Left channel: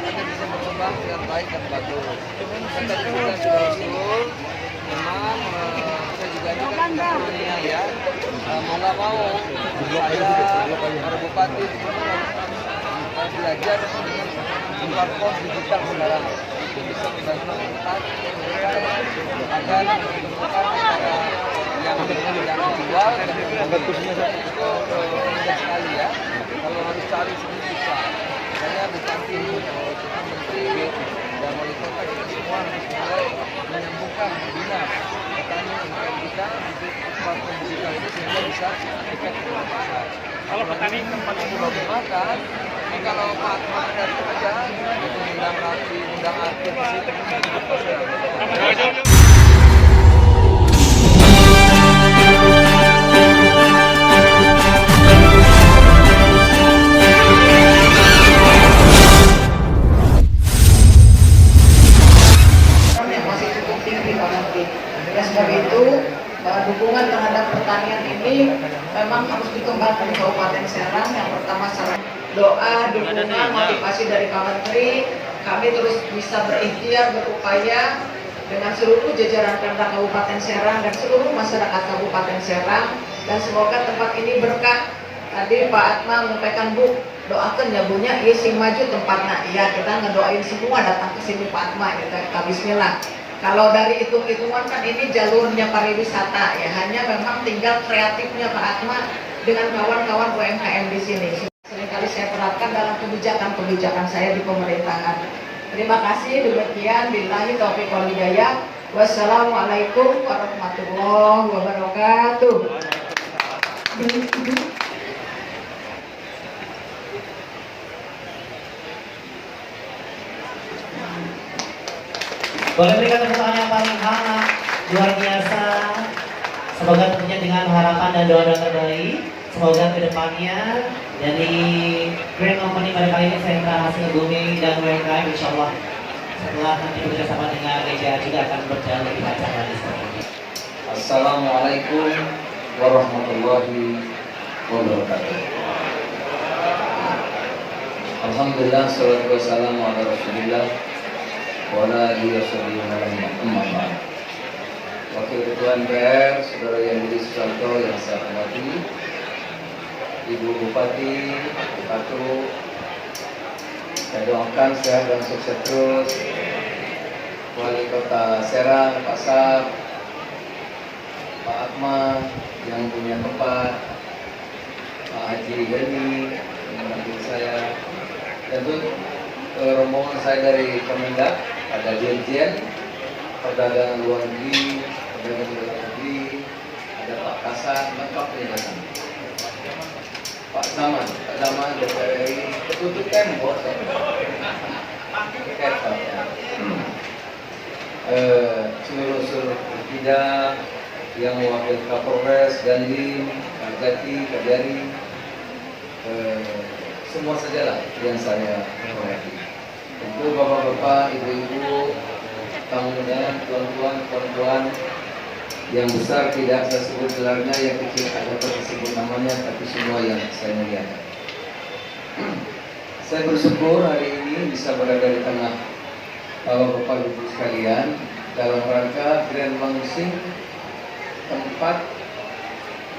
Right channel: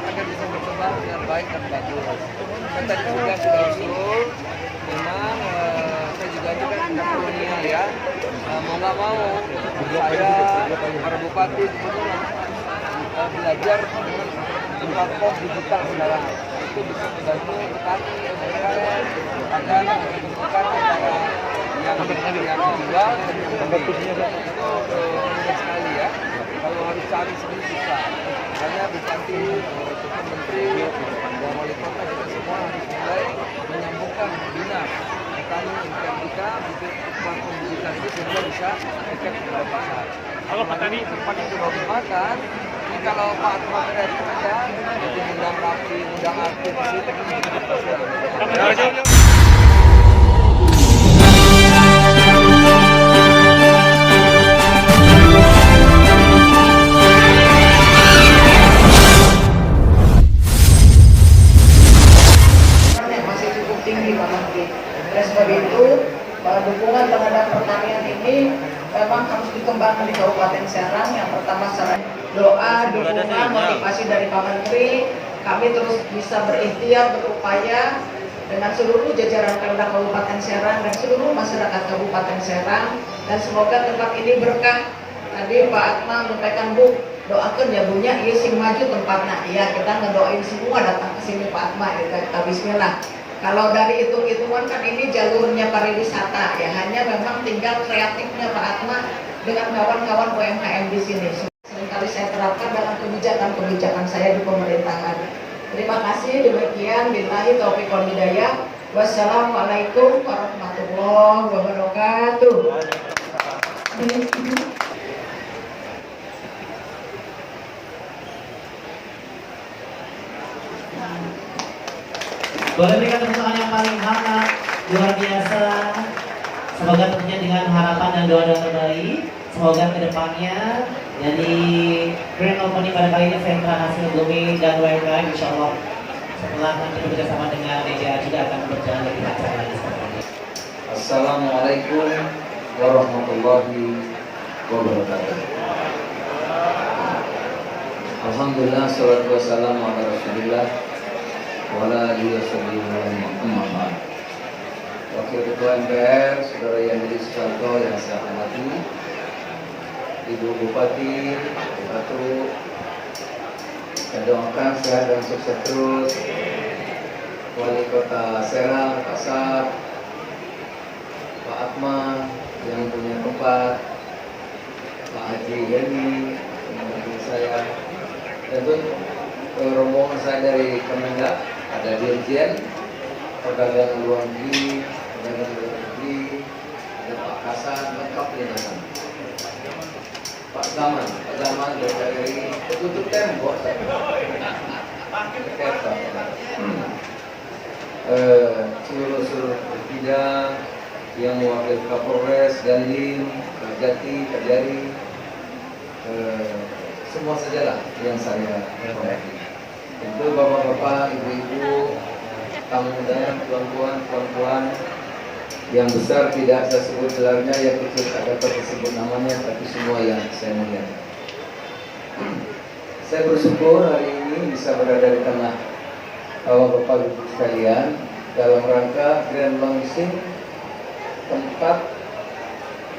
agar bisa berkembang dengan baik dan bagus. Dan tadi juga sudah usul, memang saya juga ini kan sudah kolonial ya, mau nggak mau saya para bupati gubernur harus belajar dengan platform digital sekarang. Itu bisa membantu petani mereka akan menemukan antara yang dijual dan yang dibeli. Itu mudah sekali ya. Kalau harus cari sendiri susah. Makanya Bupati, Ketua Menteri, dan Wali Kota kita semua harus mulai menyambungkan bina petani umkm kita untuk platform digital ini sehingga bisa dekat kepada pasar. Kalau petani tempatnya sudah bagus makan, ini kalau Pak Atmat dari kerja, jadi undang Rapi, undang artis di situ, dan sebab itu dukungan terhadap pertanian ini memang harus dikembangkan di Kabupaten Serang. Yang pertama saran doa, dukungan, motivasi dari Pak Menteri, kami terus bisa berikhtiar, berupaya dengan seluruh jajaran Pemda Kabupaten Serang dan seluruh masyarakat Kabupaten Serang, dan semoga tempat ini berkah. Tadi Pak Atma menyampaikan, Bu, doakan ya Bunya, iya sing maju tempatnya. Iya, kita ngedoain semua datang ke sini Pak Atma, kita bismillah. Kalau dari hitung-hitungan kan ini jalurnya pariwisata ya, hanya memang tinggal kreatifnya Pak Atma dengan kawan-kawan UMKM di sini. Seringkali saya terapkan dalam kebijakan-kebijakan saya di pemerintahan. Terima kasih, demikian billahi taufiq wal hidayah. Wassalamualaikum warahmatullahi wabarakatuh. Boleh berikan tepuk tangan yang paling hangat, luar biasa. Semoga tentunya dengan harapan dan doa-doa terbaik, semoga kedepannya dari Grand Company pada kali ini Sentra Hasil Bumi dan UMKM, insya Allah setelah nanti bekerjasama dengan media juga akan berjalan lebih lancar lagi. Assalamualaikum warahmatullahi wabarakatuh. Alhamdulillah, salatu wassalamu ala Rasulillah wala Muhammad. Wakil Ketua MPR, Saudara Yandri Susanto yang saya hormati, Ibu Bupati, Bupatu, saya doakan sehat dan sukses terus. Wali Kota Serang, Pak Saf, Pak Atma yang punya tempat, Pak Haji Gani, membantu saya, tentu rombongan saya dari Kemendak, ada Dirjen Perdagangan Luar Negeri, Perdagangan Luar Negeri, ada Pak Kasat, lengkap di dalam. Pak Zaman, Pak Zaman, DPRI, ketujuh tembok. Seluruh bidang yang mewakili Kapolres, Dandim, Gati, Kajari, semua sajalah yang saya hormati. Tentu bapak-bapak, ibu-ibu, tamu undangan, tuan-tuan, puan-puan, yang besar tidak saya sebut gelarnya, yang kecil tak dapat disebut namanya, tapi semua yang saya muliakan. Saya bersyukur hari ini bisa berada di tengah bapak-bapak ibu sekalian dalam rangka grand launching tempat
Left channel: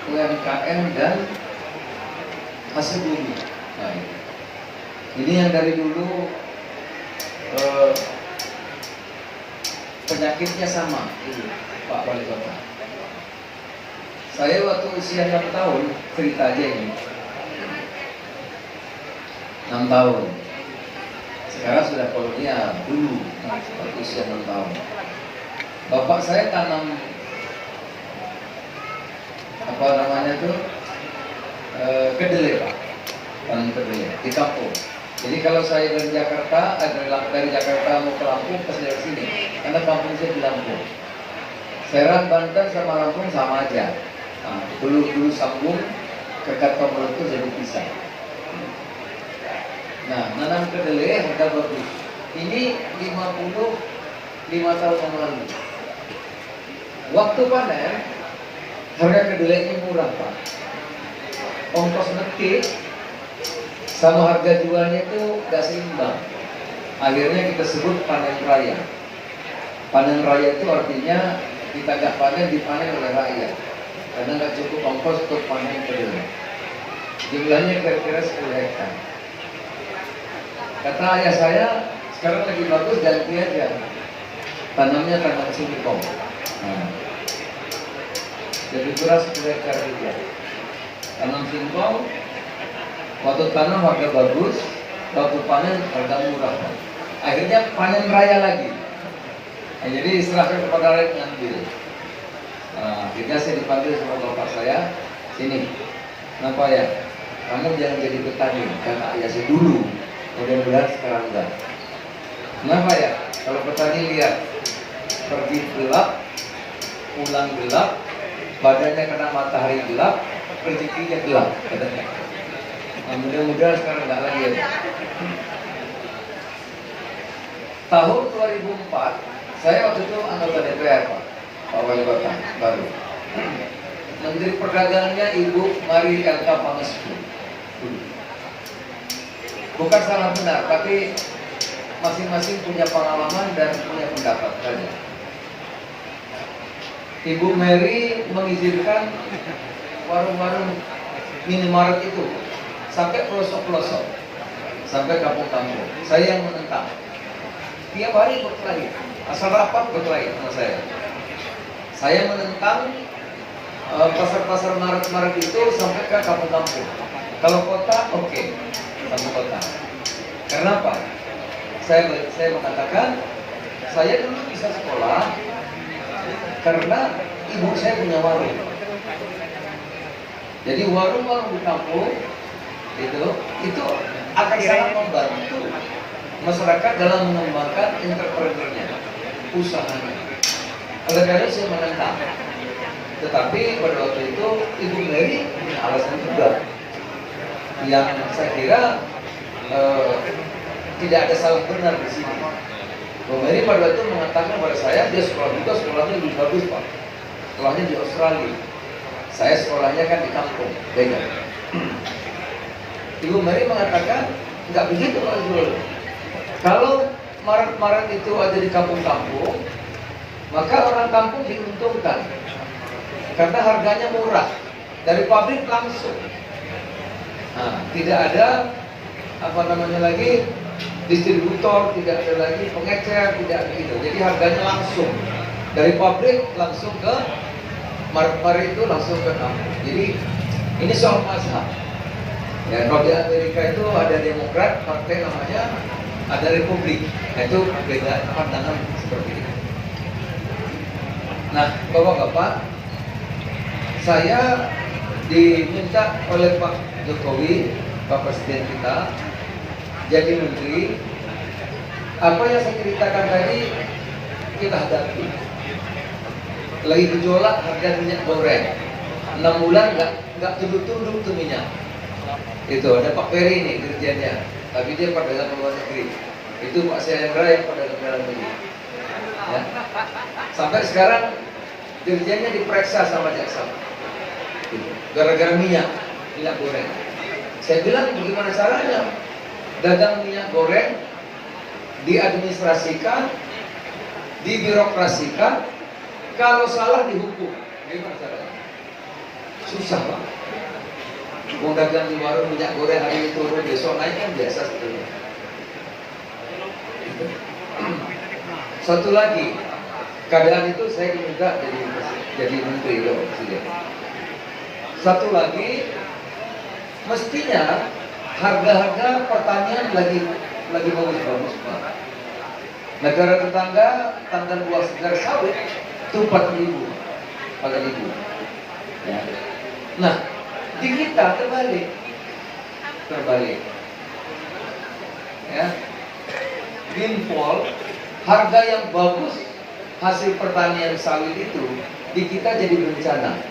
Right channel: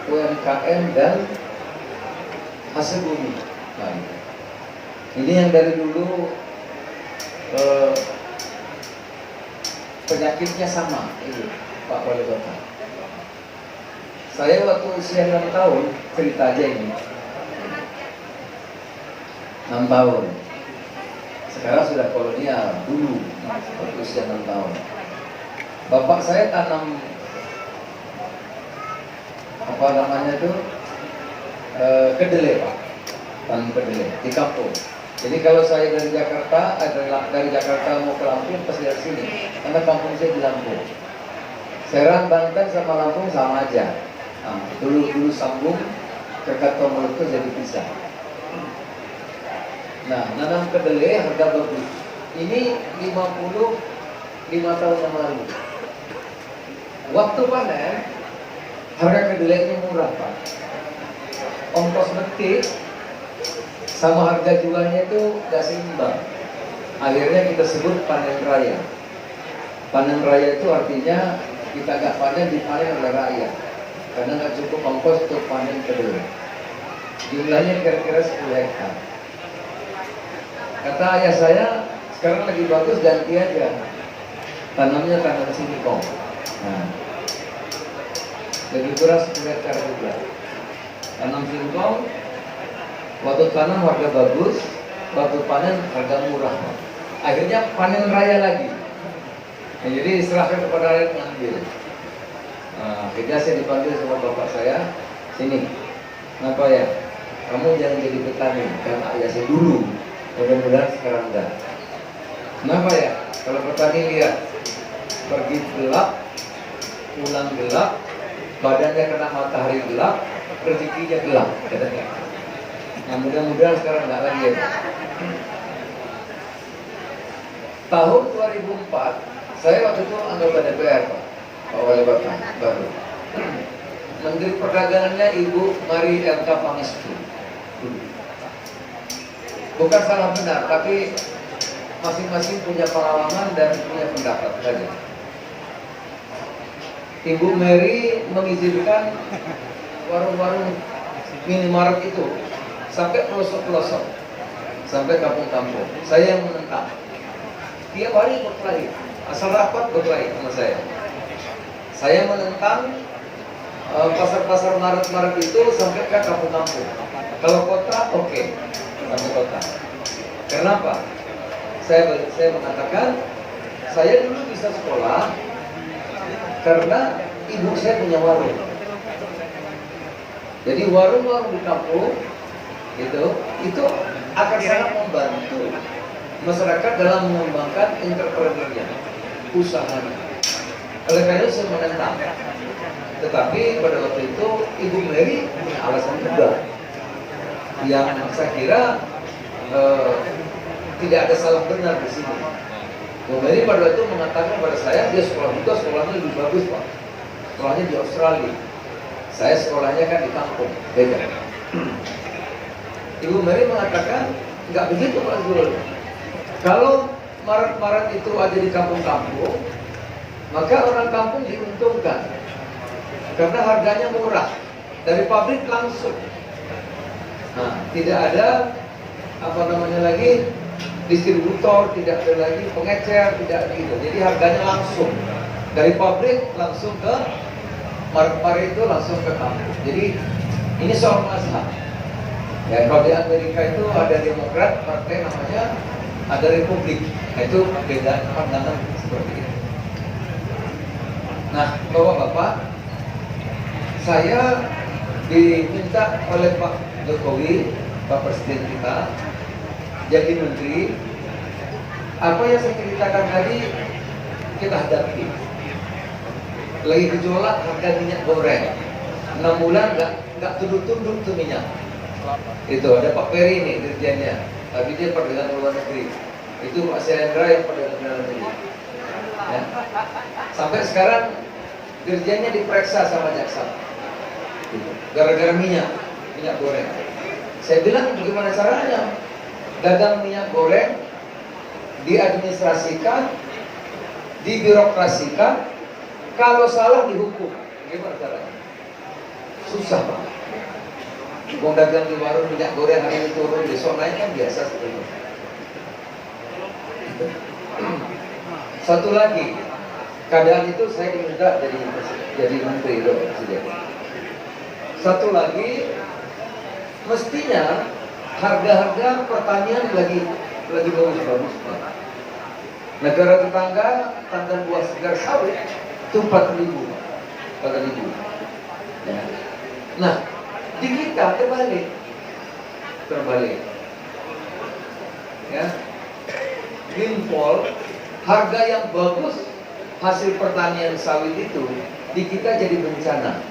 UMKM dan hasil bumi. Nah, ini yang dari dulu penyakitnya sama, itu Pak Wali Kota. Saya waktu usia 6 tahun, cerita aja ini, 6 tahun. Sekarang sudah kolonial, dulu waktu usia 6 tahun. Bapak saya tanam apa namanya itu kedelai Pak, tanam kedelai di kampung. Jadi kalau saya dari Jakarta, dari Jakarta mau ke Lampung, pasti dari sini. Karena kampung saya di Lampung. Serang, Banten sama Lampung sama aja. Nah, dulu sambung ke Kartomal itu jadi pisah. Nah, nanam kedelai harga bagus. Ini 55 tahun yang lalu. Waktu panen, harga kedelainya murah Pak. Ongkos metik sama harga jualnya itu gak seimbang. Akhirnya kita sebut panen raya. Panen raya itu artinya kita nggak panen, dipanen oleh rakyat. Karena nggak cukup ongkos untuk panen kedua. Jumlahnya kira-kira 10 hektar. Kata ayah saya, sekarang lagi bagus ganti aja. Tanamnya tanam singkong. Nah, lebih kurang 10 hektar juga. Tanam singkong, waktu tanam harga bagus, waktu panen harga murah. Akhirnya panen raya lagi. Nah, jadi diserahkan kepada rakyat ngambil. Nah, akhirnya saya dipanggil sama bapak saya, sini, kenapa ya? Kamu jangan jadi petani, karena ayah saya dulu. Mudah-mudahan sekarang enggak. Kenapa ya? Kalau petani lihat pergi gelap, pulang gelap, badannya kena matahari gelap, rezekinya gelap. Nah, mudah-mudahan sekarang enggak lagi ya. Tahun 2004, saya waktu itu anggota DPR, Pak Wali Kota baru. Menteri Perdagangannya Ibu Mari Yanka Pangestu. Bukan salah benar, tapi masing-masing punya pengalaman dan punya pendapat saja. Ibu Mary mengizinkan warung-warung minimarket itu sampai pelosok-pelosok, sampai kampung-kampung. Saya yang menentang. Tiap hari berkali, asal rapat berkali sama saya. Saya menentang pasar-pasar maret-maret itu sampai ke kampung-kampung. Kalau kota, oke, kampung kota. Kenapa? Saya mengatakan, saya dulu bisa sekolah karena ibu saya punya warung. Jadi warung-warung di kampung itu akan sangat membantu masyarakat dalam mengembangkan entrepreneurnya, usahanya. Oleh karena itu saya menentang. Tetapi pada waktu itu Ibu Mary punya alasan juga yang saya kira tidak ada salah benar di sini. Bu Mary pada waktu itu mengatakan pada saya, dia sekolahnya lebih bagus Pak. Sekolahnya di Australia. Saya sekolahnya kan di kampung, beda. Ibu Mary mengatakan nggak begitu Pak Zul. Kalau maret-maret itu ada di kampung-kampung, maka orang kampung diuntungkan karena harganya murah dari pabrik langsung. Nah, tidak ada lagi distributor, tidak ada lagi pengecer, tidak ada itu. Jadi harganya langsung dari pabrik langsung ke maret-maret itu langsung ke kampung. Jadi ini soal mazhab. Ya, kalau di Amerika itu ada Demokrat, partai namanya, ada Republik. Nah, itu perbedaan pandangan seperti itu. Nah, Bapak-bapak, saya diminta oleh Pak Jokowi, Pak Presiden kita, jadi menteri. Apa yang saya ceritakan tadi kita hadapi. Lagi gejolak harga minyak goreng. 6 bulan nggak tunduk-tunduk tuh minyak. Itu ada Pak Peri nih dirjennya, tapi dia perdagangan luar negeri. Itu Pak Selendra yang perdagangan luar negeri. Ya. Sampai sekarang dirjennya diperiksa sama jaksa. Gara-gara minyak goreng. Saya bilang bagaimana caranya dagang minyak goreng diadministrasikan, dibirokrasikan, kalau salah dihukum. Bagaimana caranya? Susah Pak. Mau dagang di warung minyak goreng hari ini turun, besok naik kan biasa sebetulnya. Satu lagi, keadaan itu saya diminta jadi menteri loh Presiden. Satu lagi, mestinya harga-harga pertanian lagi bagus-bagus Pak. Negara tetangga tandan buah segar sawit itu 4.000 per ribu. Ya. Nah, di kita terbalik. Ya. Windfall, harga yang bagus hasil pertanian sawit itu di kita jadi bencana.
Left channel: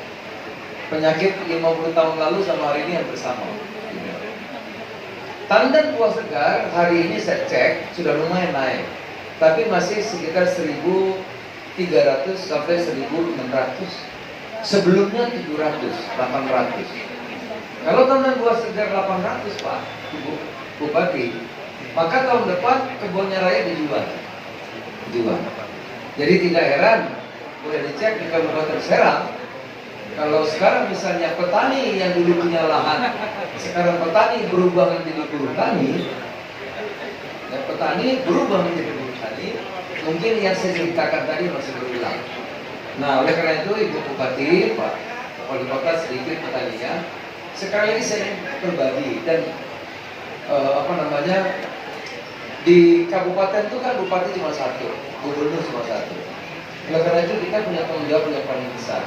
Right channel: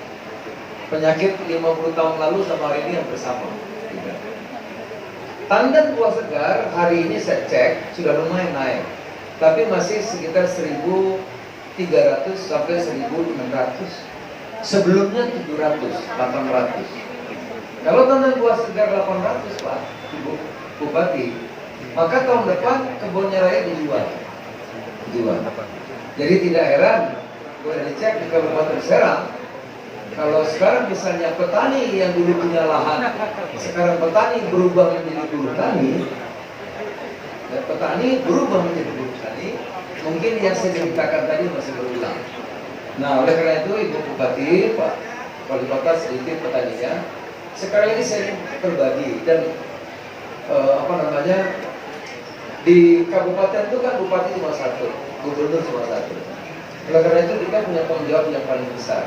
Penyakit 50 tahun lalu sama hari ini yang bersama. Tandan buah segar hari ini saya cek sudah lumayan naik, tapi masih sekitar 1.300 sampai 1.600. Sebelumnya 700, 800. Kalau tandan buah segar 800 Pak, Bupati, Maka tahun depan kebunnya rakyat dijual. Jadi tidak heran, boleh dicek di Kabupaten Serang. Kalau sekarang misalnya petani yang dulu punya lahan, sekarang petani berubah menjadi buruh tani, petani berubah menjadi buruh tani, mungkin yang saya ceritakan tadi masih berulang. Nah, oleh karena itu Ibu Bupati, Pak Wali Kota sedikit petaninya. Sekali lagi saya berbagi dan di kabupaten itu kan bupati cuma satu, gubernur cuma satu. Oleh karena itu kita punya tanggung jawab yang paling besar.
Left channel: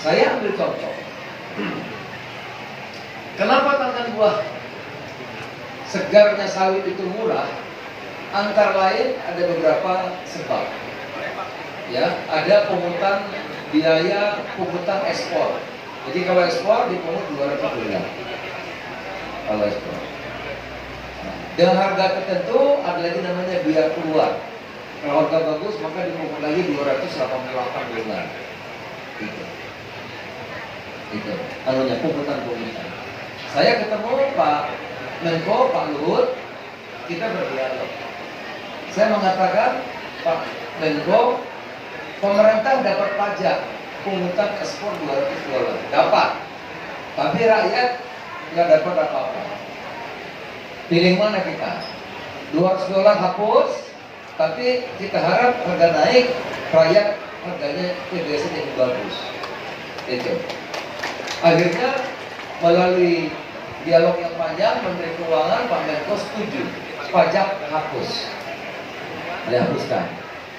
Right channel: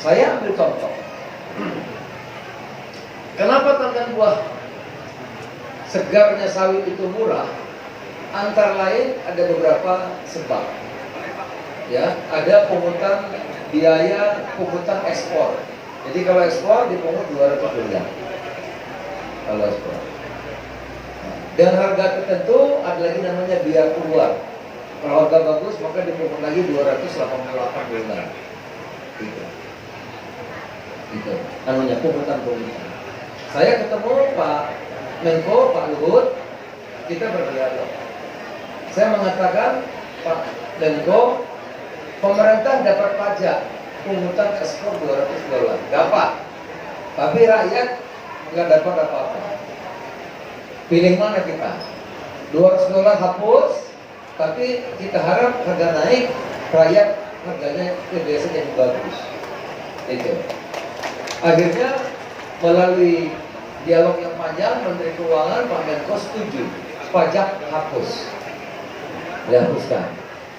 Saya ambil contoh. Kenapa tangan buah segarnya sawit itu murah? Antara lain ada beberapa sebab. Ya, ada pungutan biaya pungutan ekspor. Jadi kalau ekspor dipungut $200. Kalau ekspor. Dengan harga tertentu ada lagi namanya biaya keluar. Kalau harga bagus maka dipungut lagi $288. Itu anunya pungutan. Saya ketemu Pak Menko, Pak Luhut, kita berdialog. Saya mengatakan, Pak Menko, pemerintah dapat pajak pungutan ekspor $200, dapat. Tapi rakyat nggak dapat apa-apa. Pilih mana kita? $200 hapus, tapi kita harap harga naik, rakyat harganya TBS yang bagus. Itu. Akhirnya melalui dialog yang panjang, Menteri Keuangan Pak Menko setuju pajak hapus, dihapuskan.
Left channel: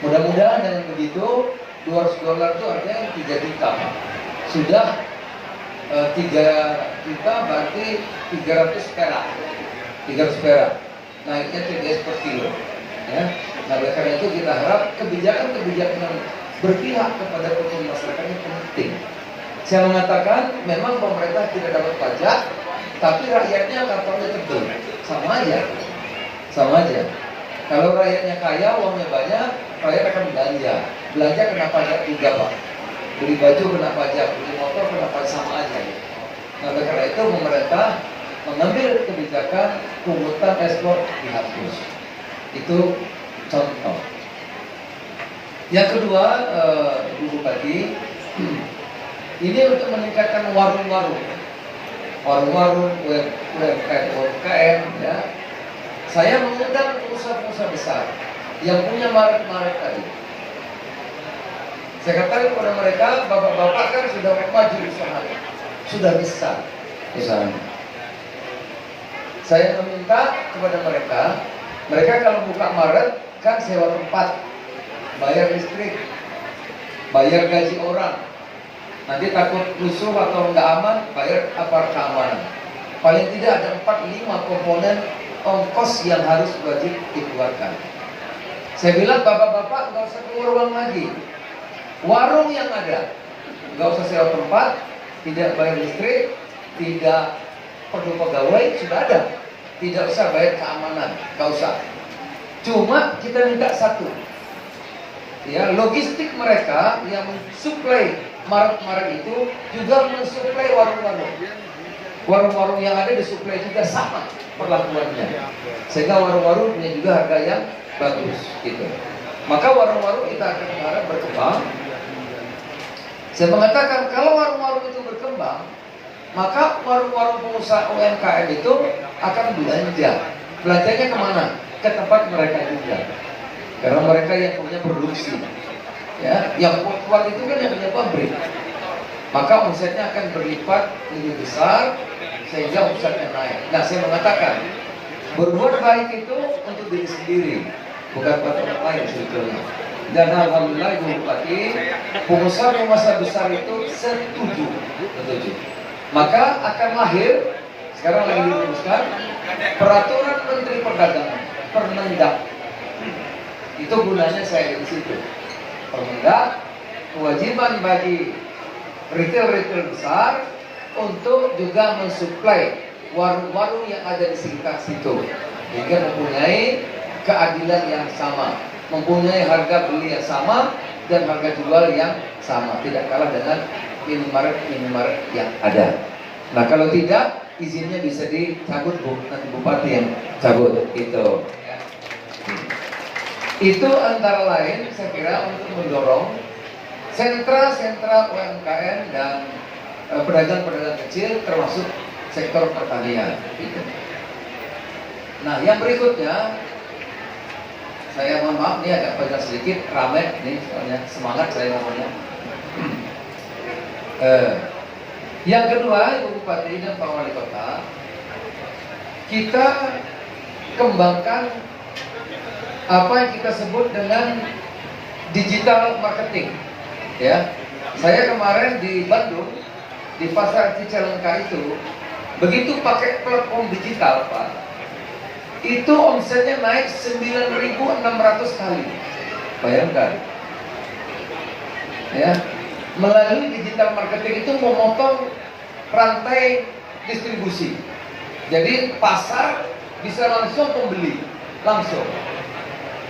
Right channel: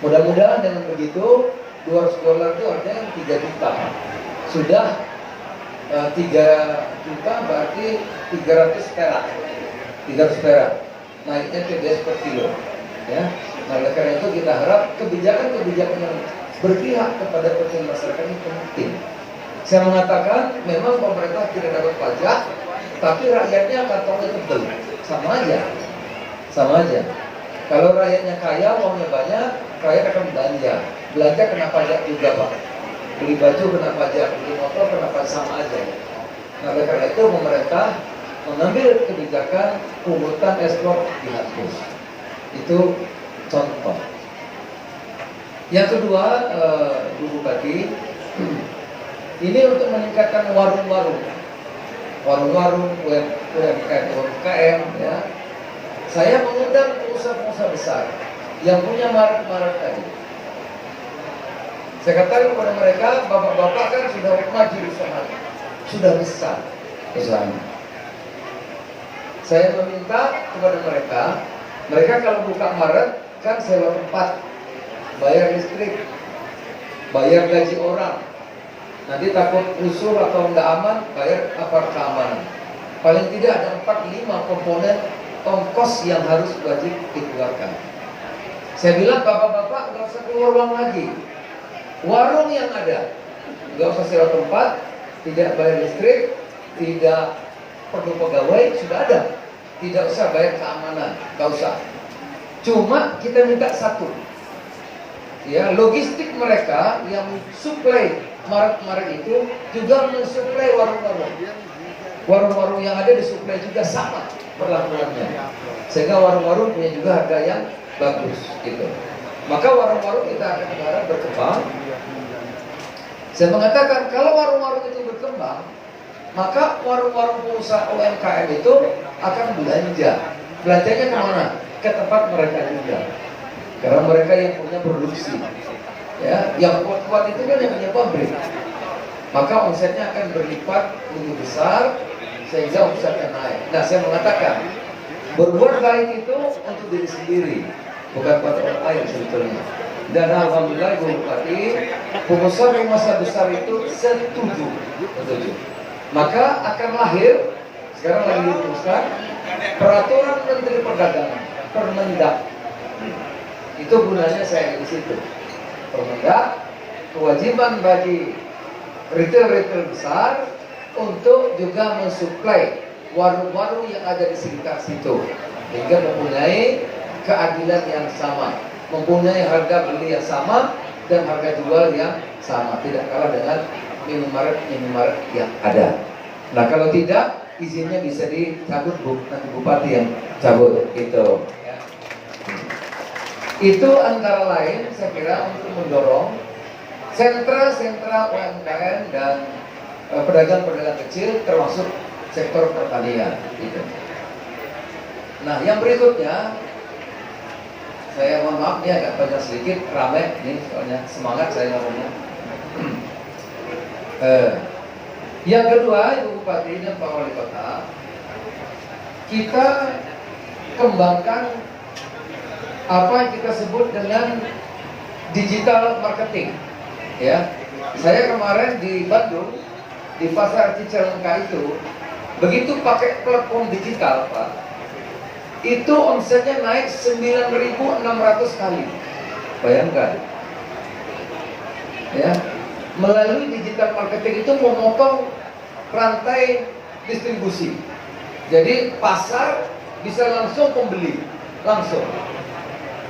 Mudah-mudahan dengan begitu $200 itu artinya 3 juta. Sudah 3 juta berarti 300 perak. 300 perak. Naiknya TBS per kilo. Ya. Nah, oleh karena itu kita harap kebijakan-kebijakan yang berpihak kepada kepentingan masyarakat ini penting. Saya mengatakan memang pemerintah tidak dapat pajak, tapi rakyatnya kantongnya tebel. Sama aja. Kalau rakyatnya kaya, uangnya banyak, rakyat akan belanja. Belanja kena pajak juga, Pak. Beli baju kena pajak, beli motor kena pajak, sama aja. Nah, oleh karena itu pemerintah mengambil kebijakan pungutan ekspor dihapus. Itu contoh. Yang kedua, Bu Bupati, ini untuk meningkatkan warung-warung, UMKM, ya. Saya mengundang pengusaha-pengusaha besar yang punya maret-maret tadi. Saya katakan kepada mereka, bapak-bapak kan sudah maju usahanya, sudah besar usahanya. Saya meminta kepada mereka kalau buka maret kan sewa tempat, bayar listrik, bayar gaji orang. Nanti takut rusuh atau nggak aman, bayar aparat keamanan. Paling tidak ada 4-5 komponen ongkos yang harus wajib dikeluarkan. Saya bilang bapak-bapak nggak usah keluar uang lagi. Warung yang ada, nggak usah sewa tempat, tidak bayar listrik, tidak perlu pegawai, sudah ada. Tidak usah bayar keamanan, nggak usah. Cuma kita minta satu, ya, logistik mereka yang suplai maret-maret itu juga mensuplai warung-warung. Warung-warung yang ada disuplai juga sama perlakuannya, sehingga warung-warung punya juga harga yang bagus, gitu. Maka warung-warung kita akan mengharap berkembang. Saya mengatakan kalau warung-warung itu berkembang, maka warung-warung pengusaha UMKM itu akan belanja. Belanjanya kemana? Ke tempat mereka juga. Karena mereka yang punya produksi, ya, yang kuat-kuat itu kan yang punya pabrik. Maka omsetnya akan berlipat lebih besar sehingga omsetnya naik. Nah, saya mengatakan berbuat baik itu untuk diri sendiri, bukan buat orang lain sebetulnya. Dan alhamdulillah Ibu Bupati, pengusaha besar itu setuju. Maka akan lahir, sekarang lagi dirumuskan, peraturan Menteri Perdagangan, Permendak. Itu gunanya saya di situ. Permendak, kewajiban bagi retail besar untuk juga mensuplai warung-warung yang ada di sekitar situ, hingga mempunyai keadilan yang sama, mempunyai harga beli yang sama dan harga jual yang sama, tidak kalah dengan minimarket yang ada. Nah, kalau tidak, izinnya bisa dicabut nanti bupati yang cabut gitu. Ya. Itu antara lain saya kira untuk mendorong sentra-sentra UMKM dan pedagang-pedagang kecil termasuk sektor pertanian. Gitu. Nah, yang berikutnya saya mohon maaf ini agak panjang sedikit, ramai nih soalnya semangat saya ngomongnya. Yang kedua, Ibu Bupati dan Pak Wali Kota, kita kembangkan apa yang kita sebut dengan digital marketing. Ya, saya kemarin di Bandung di pasar Cicalengka itu, begitu pakai platform digital, Pak, itu omsetnya naik 9.600 kali. Bayangkan, ya. Melalui digital marketing itu memotong rantai distribusi. Jadi pasar bisa langsung pembeli, langsung.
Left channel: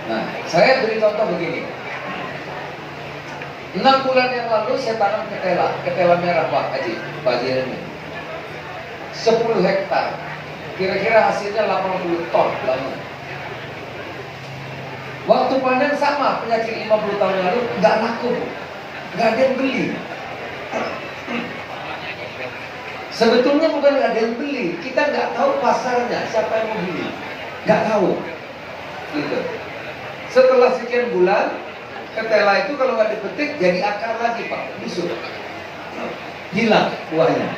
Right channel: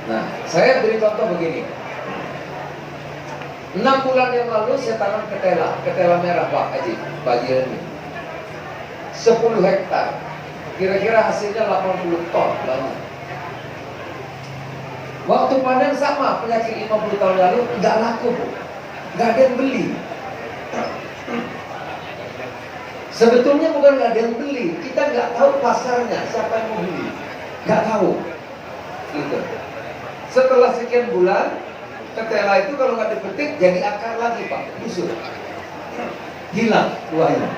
Nah, saya beri contoh begini. 6 bulan yang lalu saya tanam ketela merah Pak Haji, bagian ini. 10 hektar. Kira-kira hasilnya 80 ton banyak. Waktu panen sama, penyakit 50 tahun lalu nggak laku, Bu. Nggak ada yang beli. Sebetulnya bukan nggak ada yang beli, kita nggak tahu pasarnya, siapa yang mau beli, nggak tahu. Gitu. Setelah sekian bulan, ketela itu kalau nggak dipetik jadi akar lagi Pak, busuk, hilang buahnya.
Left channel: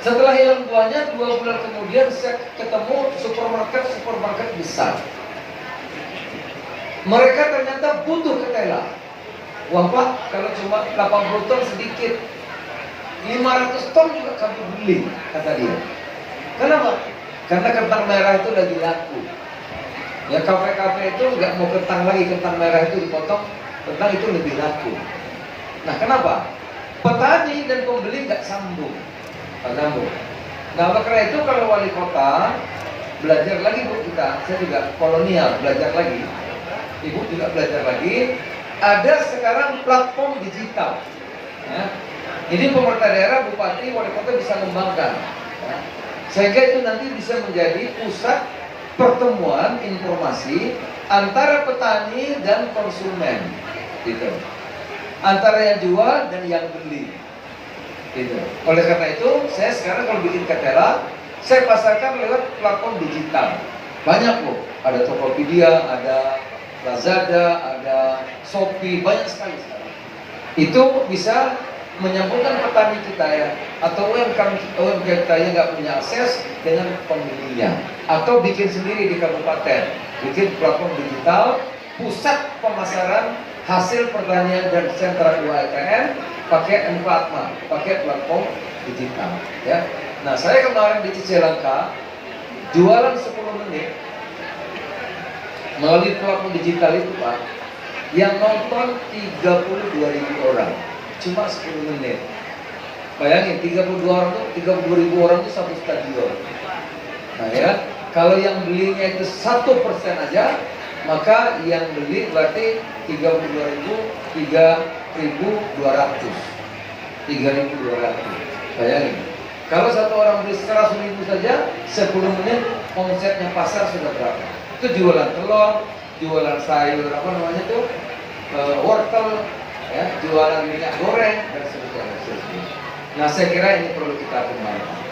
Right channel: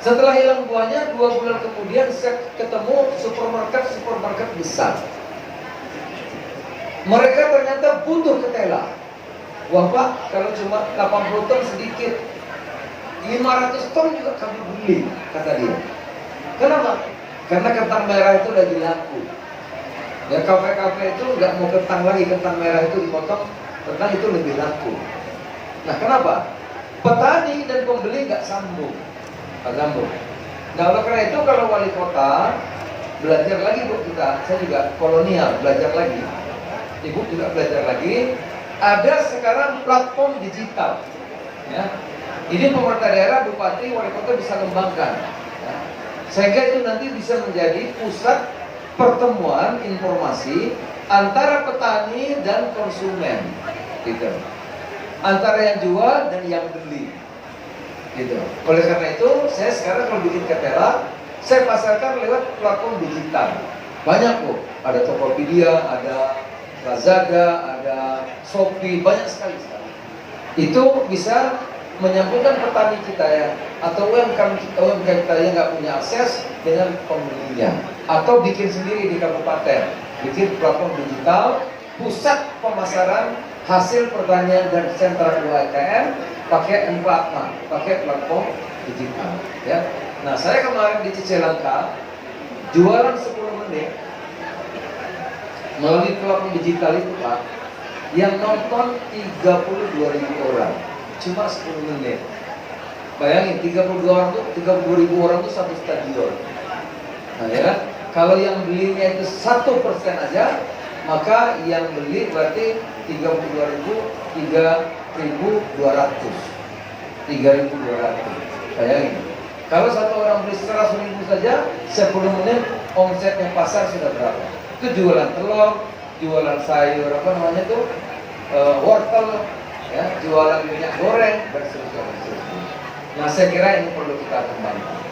Setelah hilang buahnya, 2 bulan kemudian saya ketemu supermarket besar. Mereka ternyata butuh ketela. Wah Pak, kalau cuma 80 ton sedikit, 500 ton juga kami beli, kata dia. Kenapa? Karena kentang merah itu lagi laku. Ya kafe-kafe itu nggak mau kentang lagi, kentang merah itu dipotong, kentang itu lebih laku. Nah kenapa? Petani dan pembeli nggak sambung. Nah oleh karena itu kalau wali kota belajar lagi Bu kita, saya juga kolonial belajar lagi. Ibu juga belajar lagi. Ada sekarang platform digital. Ya. Ini pemerintah daerah, bupati, wali kota bisa kembangkan. Ya. Sehingga itu nanti bisa menjadi pusat pertemuan informasi antara petani dan konsumen. Gitu. Antara yang jual dan yang beli. Gitu. Oleh karena itu, saya sekarang kalau bikin ketela, saya pasarkan lewat platform digital. Banyak Bu, ada Tokopedia, ada Lazada, ada Shopee, banyak sekali sekarang. Itu bisa menyambungkan petani kita ya, atau UMKM kita yang nggak punya akses dengan pembelinya, atau bikin sendiri di kabupaten, bikin platform digital, pusat pemasaran hasil pertanian dan sentra UMKM pakai Emplatma, pakai platform digital. Ya. Nah saya kemarin di Cicalengka jualan 10 menit. Melalui platform digital itu Pak, yang nonton 32.000 orang, cuma 10 menit. Bayangin 32.000 orang itu satu stadion. Nah ya, kalau yang belinya itu 1% aja, maka yang beli berarti 32.000, 3.200. Bayangin. Kalau satu orang beli 100.000 saja, 10 menit omsetnya pasar sudah berapa? Itu jualan telur, jualan sayur, apa namanya tuh, wortel, ya, jualan minyak goreng dan seterusnya. Nah saya kira ini perlu kita kembangkan.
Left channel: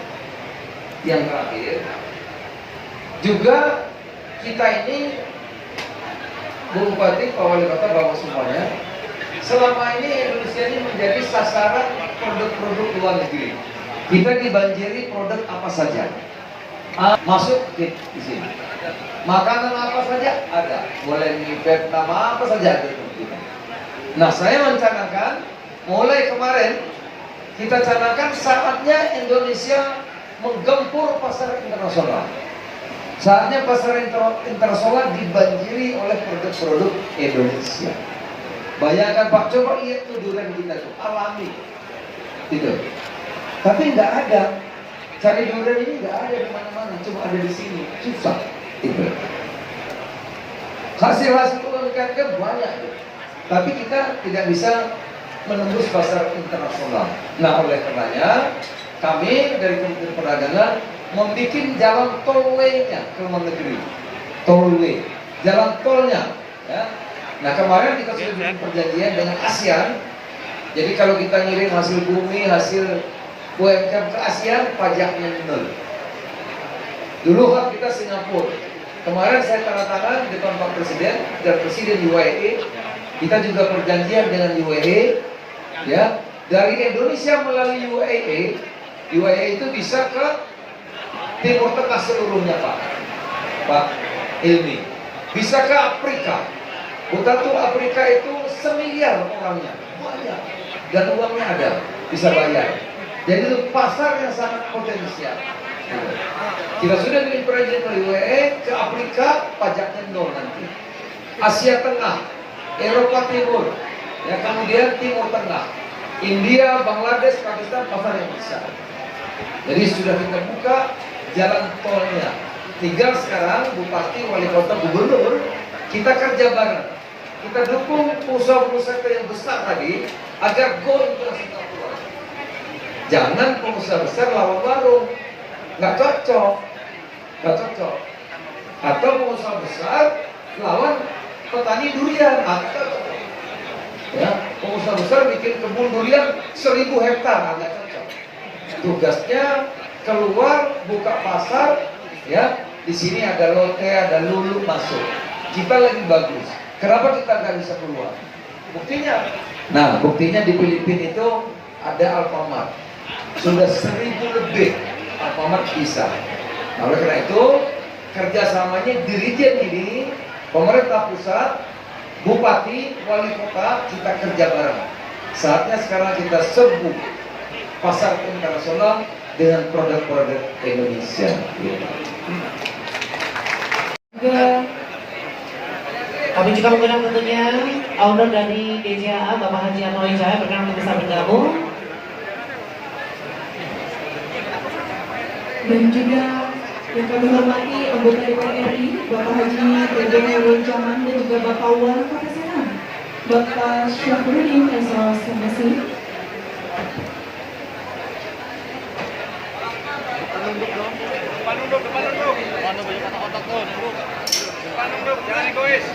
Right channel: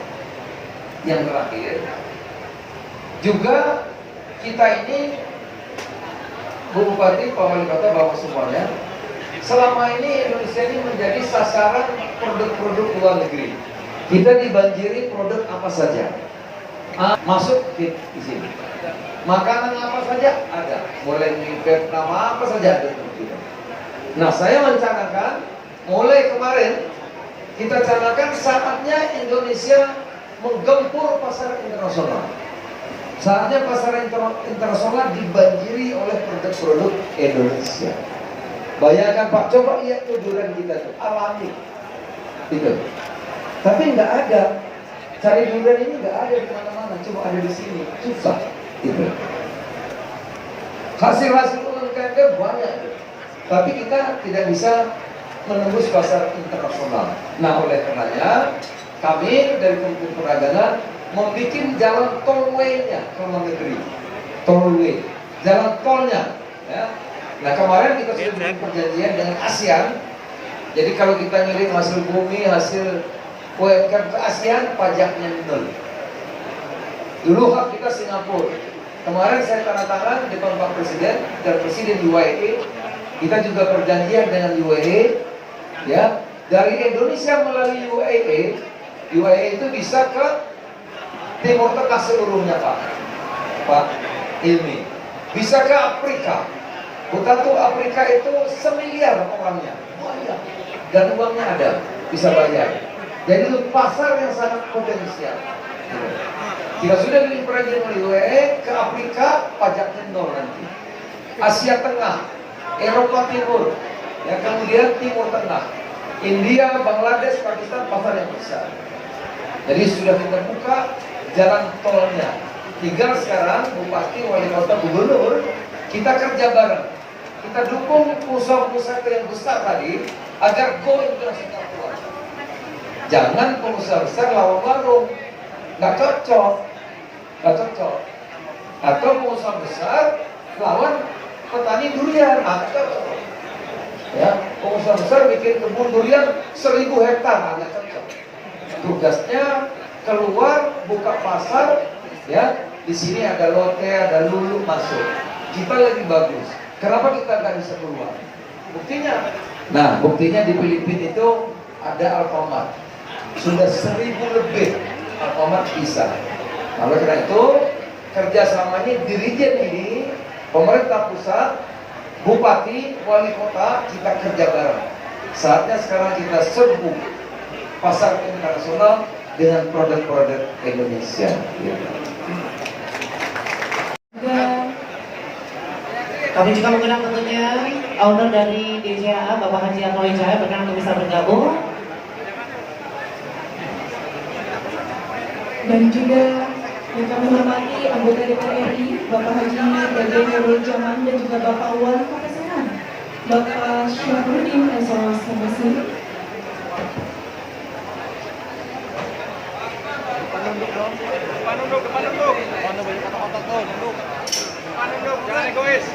Yang terakhir, juga kita ini Bu Bupati, Pak Wali Kota, Bapak semuanya, selama ini Indonesia ini menjadi sasaran produk-produk luar negeri. Kita dibanjiri produk apa saja, masuk di sini. Makanan apa saja ada, mulai di Vietnam apa saja ada. Nah saya mencanangkan, mulai kemarin kita canangkan saatnya Indonesia menggempur pasar internasional. Saatnya pasar internasional dibanjiri oleh produk-produk Indonesia. Bayangkan Pak, coba lihat tuh durian kita tuh, alami, gitu. Tapi nggak ada, cari durian ini nggak ada di mana-mana, cuma ada di sini, susah. Itu. Hasil-hasil UMKM banyak, tapi kita tidak bisa menembus pasar internasional. Nah oleh karenanya kami dari Kementerian Perdagangan membuat jalan tollway-nya ke luar negeri. Tollway, jalan tolnya. Ya. Nah kemarin kita sudah bikin perjanjian dengan ASEAN. Jadi kalau kita ngirim hasil bumi, hasil UMKM ke ASEAN, pajaknya nol. Dulu hak kita Singapura. Kemarin saya tanda tangan di depan Pak Presiden dan Presiden UAE. Kita juga perjanjian dengan UAE. Ya, dari Indonesia melalui UAE, UAE itu bisa ke Timur Tengah seluruhnya Pak Ilmi. Bisa ke Afrika. Bukan tuh Afrika itu semiliar orangnya. Banyak. Dan uangnya ada, bisa bayar. Jadi itu pasar yang sangat potensial. Kita sudah bikin perjanjian dari UAE ke Afrika, pajaknya nol nanti. Asia Tengah, Eropa Timur, ya kemudian Timur Tengah, India, Bangladesh, Pakistan, pasar yang besar. Jadi sudah kita buka jalan tolnya. Tinggal sekarang Bupati, Wali Kota, Gubernur, kita kerja bareng. Kita dukung pengusaha-pengusaha yang besar tadi agar go into Singapura. Jangan pengusaha besar lawan warung, nggak cocok. Atau pengusaha besar lawan petani durian, nggak cocok. Ya, pengusaha besar bikin kebun durian 1000 hektar, nggak cocok. Tugasnya keluar buka pasar, ya di sini ada Lotte, ada Lulu masuk. Kita lagi bagus. Kenapa kita nggak bisa keluar? Buktinya, nah buktinya di Filipina itu ada Alfamart, sudah 1000 lebih Alfamart bisa. Nah, oleh karena itu kerjasamanya Dirjen ini, pemerintah pusat, bupati, wali kota, kita kerja bareng. Saatnya sekarang kita serbu pasar internasional dengan produk-produk Indonesia. Kami juga mengundang tentunya owner dari DJA, Bapak Haji Amroy Jaya, berkenan untuk bisa bergabung. Dan juga yang kami hormati anggota DPR RI, Bapak Haji Dede Nurul Jaman dan juga Bapak Wali Kota Serang, Bapak Syafruddin Esawas Mesir. Nunduk dong. Mana banyak kotak-kotak tuh, nunduk. Jangan egois.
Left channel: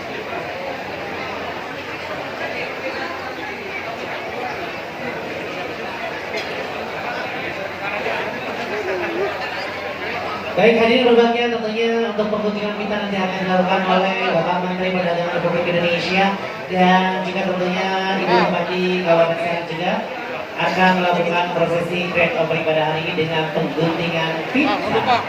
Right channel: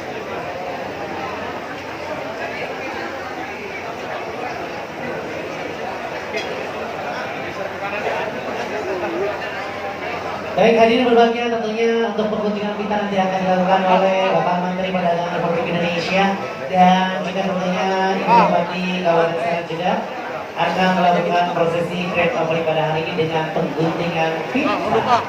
Baik, hadirin berbahagia, tentunya untuk penggunaan kita nanti akan dilakukan oleh Bapak Menteri Perdagangan Republik Indonesia dan juga tentunya Ibu Bupati Kabupaten Serang juga akan melakukan prosesi grand opening pada hari ini dengan pengguntingan pita.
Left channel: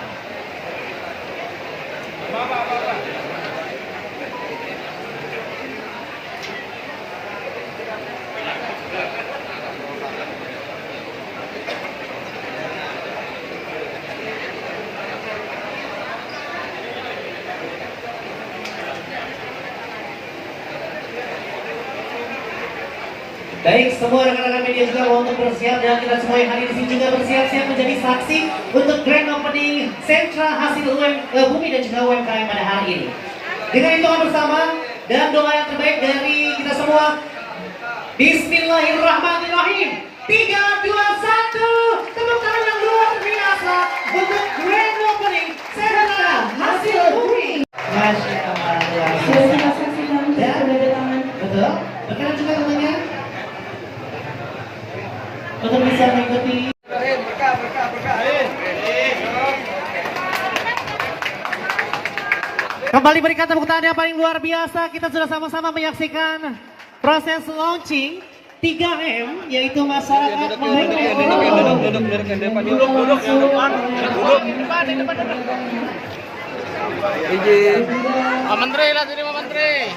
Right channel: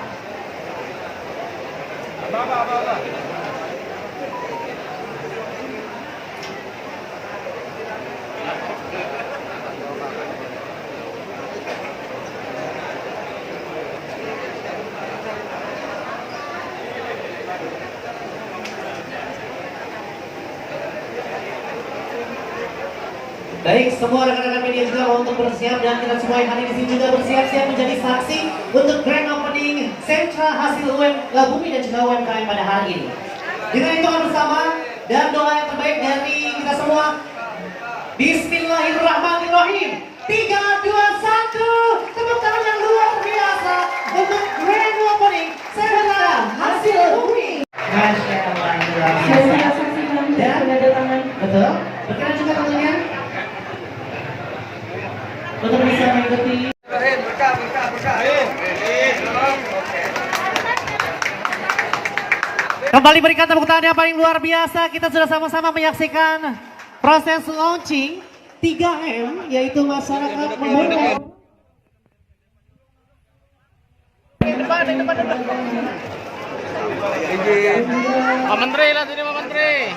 Baik, semua rekan-rekan media juga untuk bersiap dan kita semua yang hadir di sini juga bersiap-siap menjadi saksi untuk grand opening sentra hasil bumi dan juga UMKM pada hari ini. Kita hitungan bersama dan doa yang terbaik dari kita semua. Bismillahirrahmanirrahim. 3, 2, 1. Tepuk tangan yang luar biasa untuk grand opening sentra hasil bumi. Masya Allah. Saya saksikan dan sudah ada tangan. Betul. Berkenan juga tentunya untuk bisa mengikuti. Berkah. Ayo. Kembali berikan tepuk tangan yang paling luar biasa. Kita sudah sama-sama menyaksikan proses launching 3M, yaitu masyarakat Pak Menteri lah sini, Pak Menteri.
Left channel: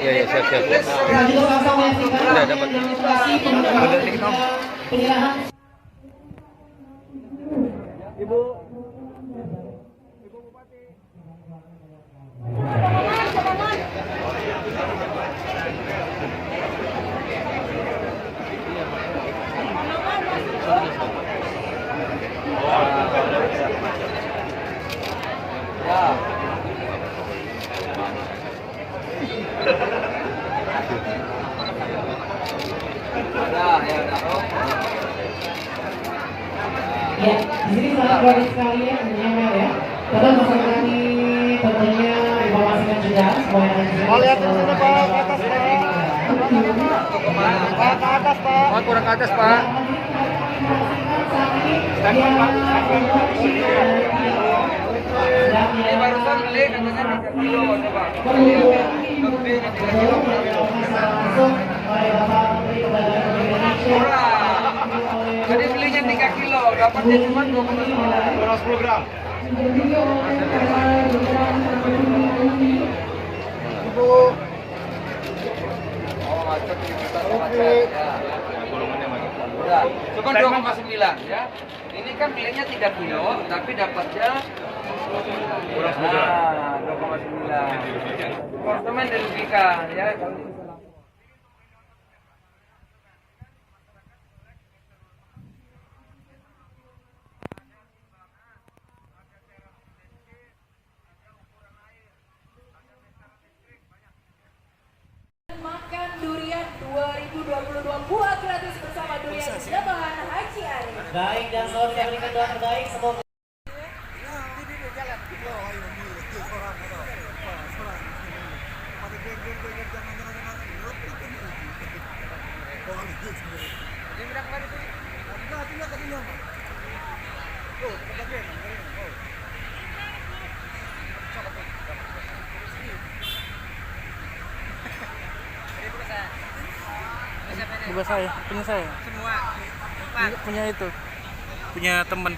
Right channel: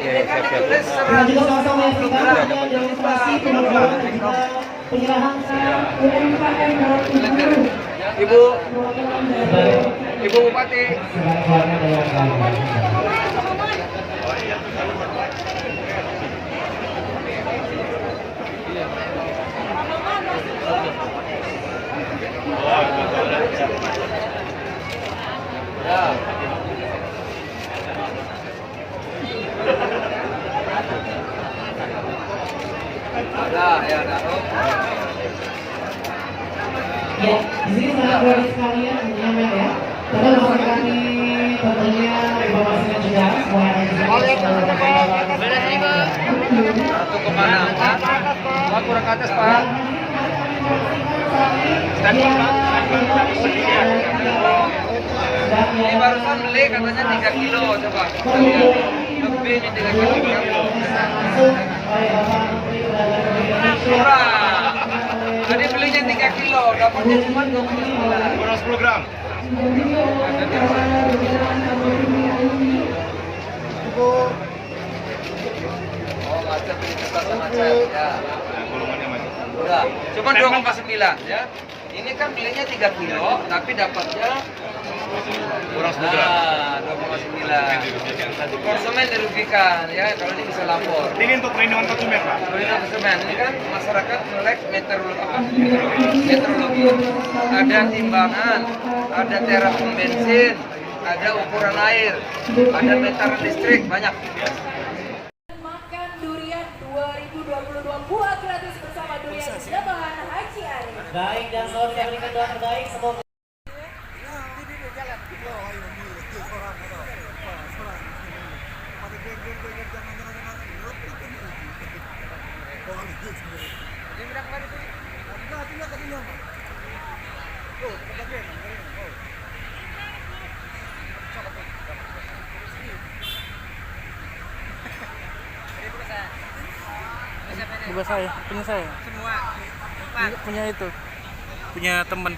Iya, siap. kita juga sama-sama menyaksikan adanya demonstrasi pembukaan dan juga penyerahan Ibu Bupati. Ya. Ya, taruh. Oke, di sini sangat baik sekali ya tentunya Mel ya. Tetap bisa kami tentunya informasikan juga semua yang Atau kemana? Oh, kurang ke atas, Pak. Ini barusan beli katanya 3 kilo, coba. Lebih ini 3 kilo. Murah. Tadi belinya 3 kilo, dapatnya cuma 29. Kurang 10 gram. Oh, macet ini bukan macet ya. Golongannya macet. Udah, cuma 2,9 ya. Ini kan belinya 3 kilo, tapi dapatnya kurang 2,9. Konsumen dirugikan ya, kalau ini bisa lapor. Ini untuk perlindungan konsumen, Pak. Perlindungan konsumen ini kan masyarakat melek meteorologi, ada timbangan, ada terapung bensin, ada ukuran air, ada meter listrik, banyak. Makan Durian 2022 buah gratis bersama Durian Jabahan Haji Ari. Baik, dan selalu kita berikan doa terbaik semoga Bukan saya, punya saya. Semua. Punya itu. Punya temen.